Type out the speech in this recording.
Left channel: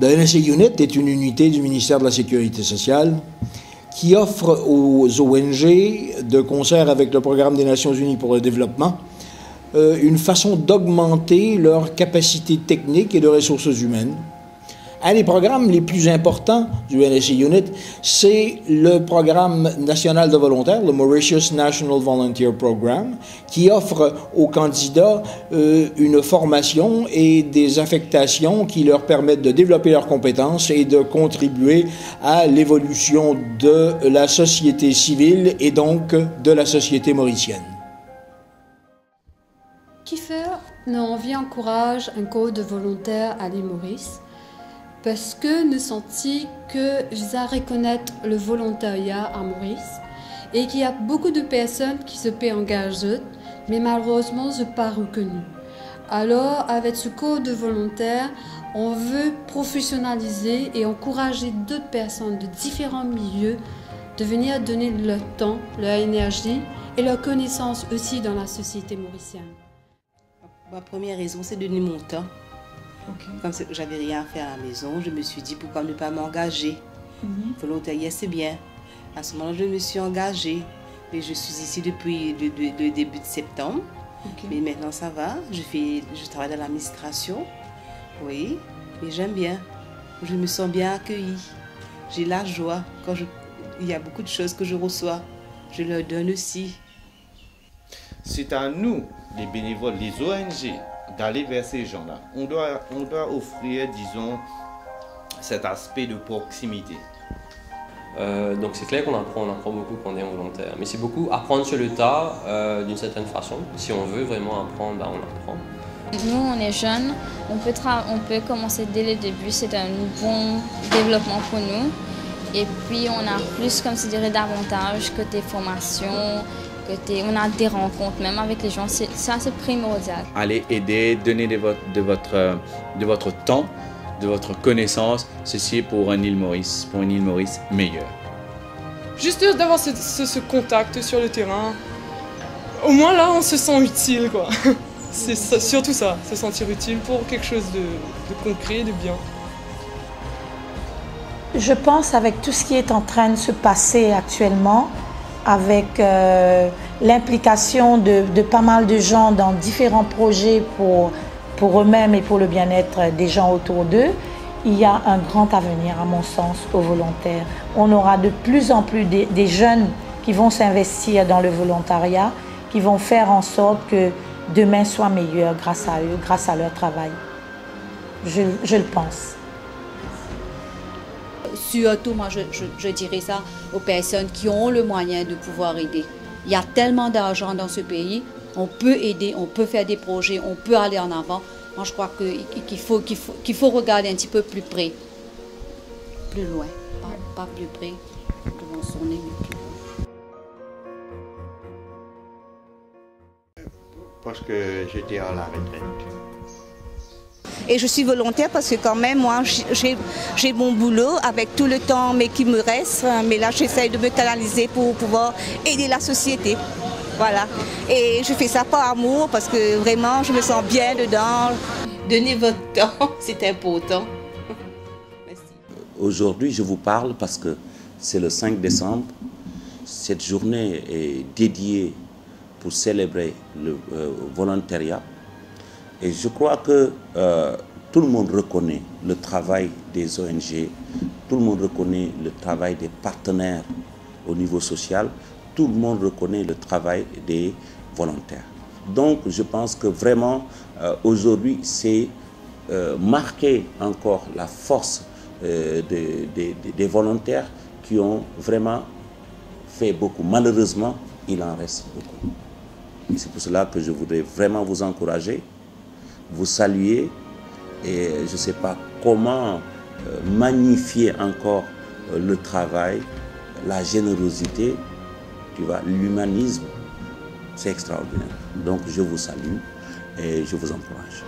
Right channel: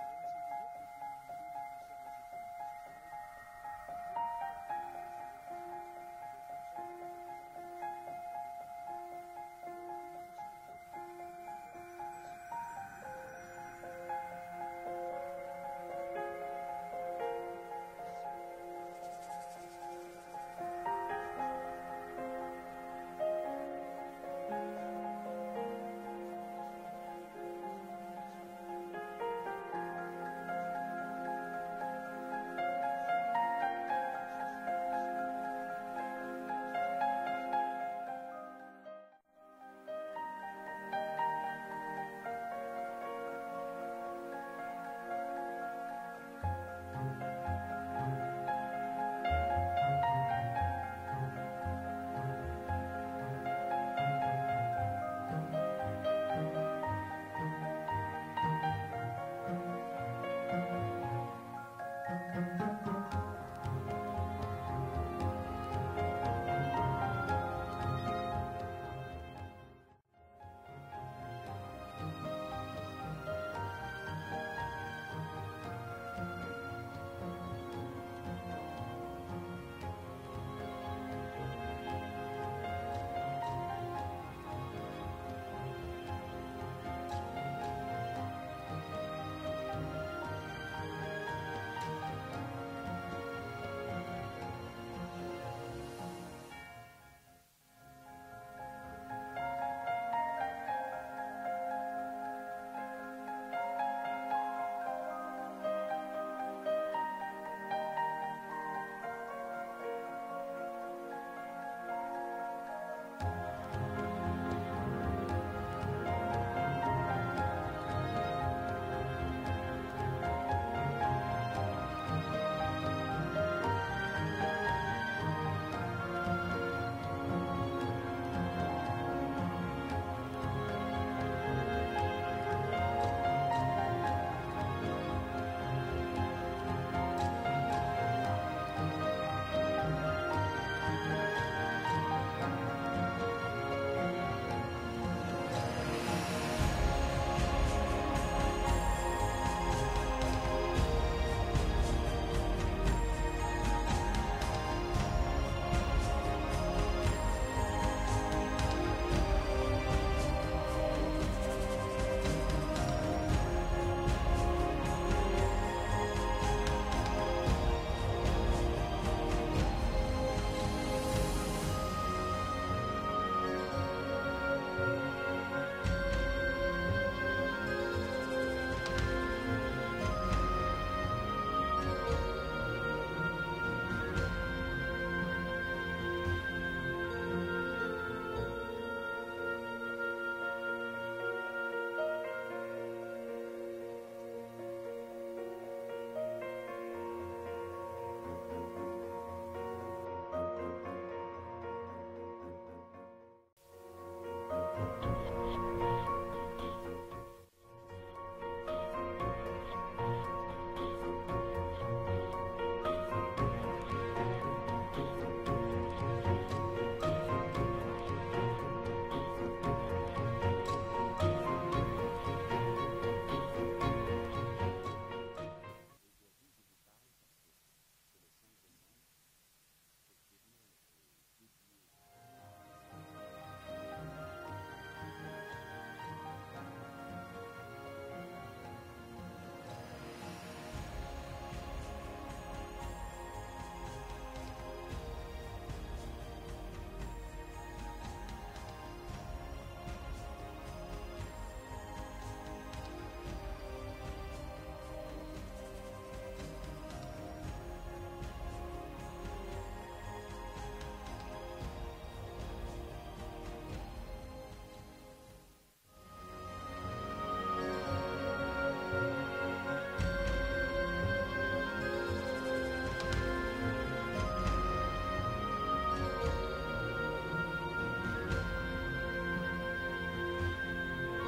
The NSA Unit est une unité du ministère de la Sécurité sociale qui offre aux ONG, de concert avec le Programme des Nations Unies pour le développement, une façon d'augmenter leur capacité technique et de ressources humaines. Un des programmes les plus importants du NSA Unit, c'est le programme national de volontaires, le Mauritius National Volunteer Program, qui offre aux candidats une formation et des affectations qui leur permettent de développer leurs compétences et de contribuer à l'évolution de la société civile et donc de la société mauricienne. Kiefer nous encourage un corps de volontaires à l'île Maurice parce que nous sentons que je reconnaître le volontariat à Maurice et qu'il y a beaucoup de personnes qui se peuvent engager, mais malheureusement, je ne pas reconnu. Alors, avec ce corps de volontaires, on veut professionnaliser et encourager d'autres personnes de différents milieux de venir donner leur temps, leur énergie et leur connaissance aussi dans la société mauricienne. Ma première raison, c'est de donner mon temps. Comme j'avais rien à faire à la maison, je me suis dit pourquoi ne pas m'engager. Volontariat, c'est bien. À ce moment-là, je me suis engagée. Et je suis ici depuis le début de septembre. Mais maintenant, ça va. Je travaille dans l'administration. Oui, mais j'aime bien. Je me sens bien accueillie. J'ai la joie. Il y a beaucoup de choses que je reçois. Je leur donne aussi. C'est à nous, les bénévoles, les ONG, d'aller vers ces gens-là. On doit offrir, disons, cet aspect de proximité. Donc c'est clair qu'on apprend beaucoup quand on est volontaire. Mais c'est beaucoup apprendre sur le tas d'une certaine façon. Si on veut vraiment apprendre, ben on apprend. Nous, on est jeunes, on peut commencer dès le début. C'est un bon développement pour nous. Et puis on a plus, comme je dirais, d'avantages côté formation. On a des rencontres, même avec les gens, ça c'est primordial. Allez aider, donner de votre temps, de votre connaissance, ceci pour une île Maurice meilleure. Juste d'avoir ce contact sur le terrain, au moins là on se sent utile, quoi. C'est surtout ça, se sentir utile pour quelque chose de concret, de bien. Je pense avec tout ce qui est en train de se passer actuellement, avec l'implication de pas mal de gens dans différents projets pour eux-mêmes et pour le bien-être des gens autour d'eux, il y a un grand avenir, à mon sens, aux volontaires. On aura de plus en plus des jeunes qui vont s'investir dans le volontariat, qui vont faire en sorte que demain soit meilleur grâce à eux, grâce à leur travail. Je le pense. Surtout, moi, je dirais ça aux personnes qui ont le moyen de pouvoir aider. Il y a tellement d'argent dans ce pays, on peut aider, on peut faire des projets, on peut aller en avant. Moi, je crois qu'il faut regarder un petit peu plus près, plus loin, pas plus près, devant son nez, mais plus loin. Parce que j'étais à la retraite. Et je suis volontaire parce que quand même, moi, j'ai mon boulot avec tout le temps mais qui me reste. Mais là, j'essaie de me canaliser pour pouvoir aider la société. Voilà. Et je fais ça par amour parce que vraiment, je me sens bien dedans. Donnez votre temps, c'est important. Aujourd'hui, je vous parle parce que c'est le 5 décembre. Cette journée est dédiée pour célébrer le volontariat. Et je crois que tout le monde reconnaît le travail des ONG, tout le monde reconnaît le travail des partenaires au niveau social, tout le monde reconnaît le travail des volontaires. Donc je pense que vraiment aujourd'hui c'est marquer encore la force des volontaires qui ont vraiment fait beaucoup. Malheureusement, il en reste beaucoup. C'est pour cela que je voudrais vraiment vous encourager, vous saluer et je ne sais pas comment magnifier encore le travail, la générosité, tu vois, l'humanisme, c'est extraordinaire. Donc je vous salue et je vous encourage.